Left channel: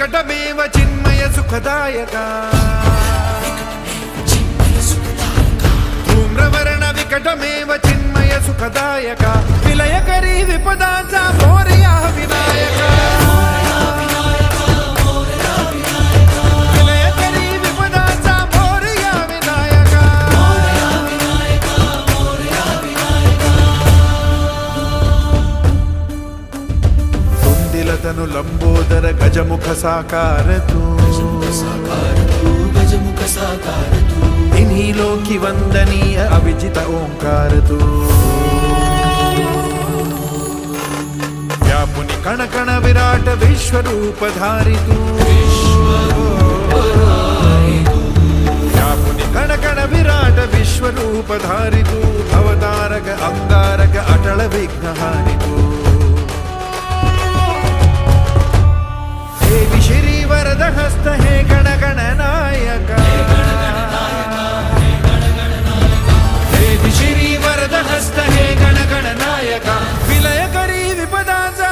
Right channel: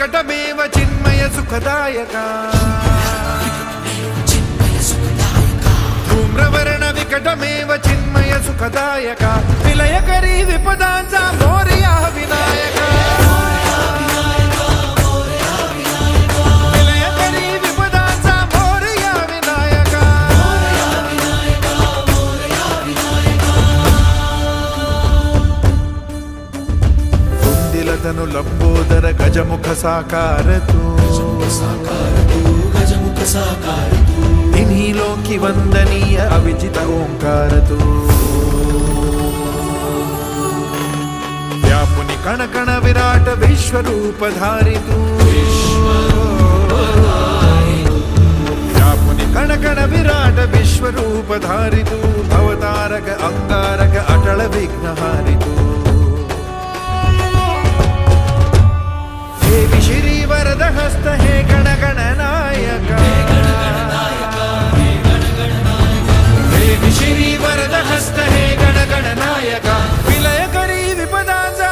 विकटमेव चिन्मय सुखदायका धूम्रवर्ण विकटमेव चिन्मय सुखदायका विलयकरी विपदांचा मोरया विनायका विलयकरी विपदांचा मोरया विनायका तुंदिलतनु लंबोदर गजमुख साकार तू तिन्ही लोकी वंदनीय अविजित ओंकार तू व्यापुनि कण कण विराट विश्वरूप धारी तू व्यापुनि कण कण विराट विश्वरूप धारी तू भवतारक अंगारक अटल विघ्नहारी तू हे श्री वरद हस्त हे गण गण नायका हे श्री वरद हस्त हे गण गण नायका विलय करी विपदांचा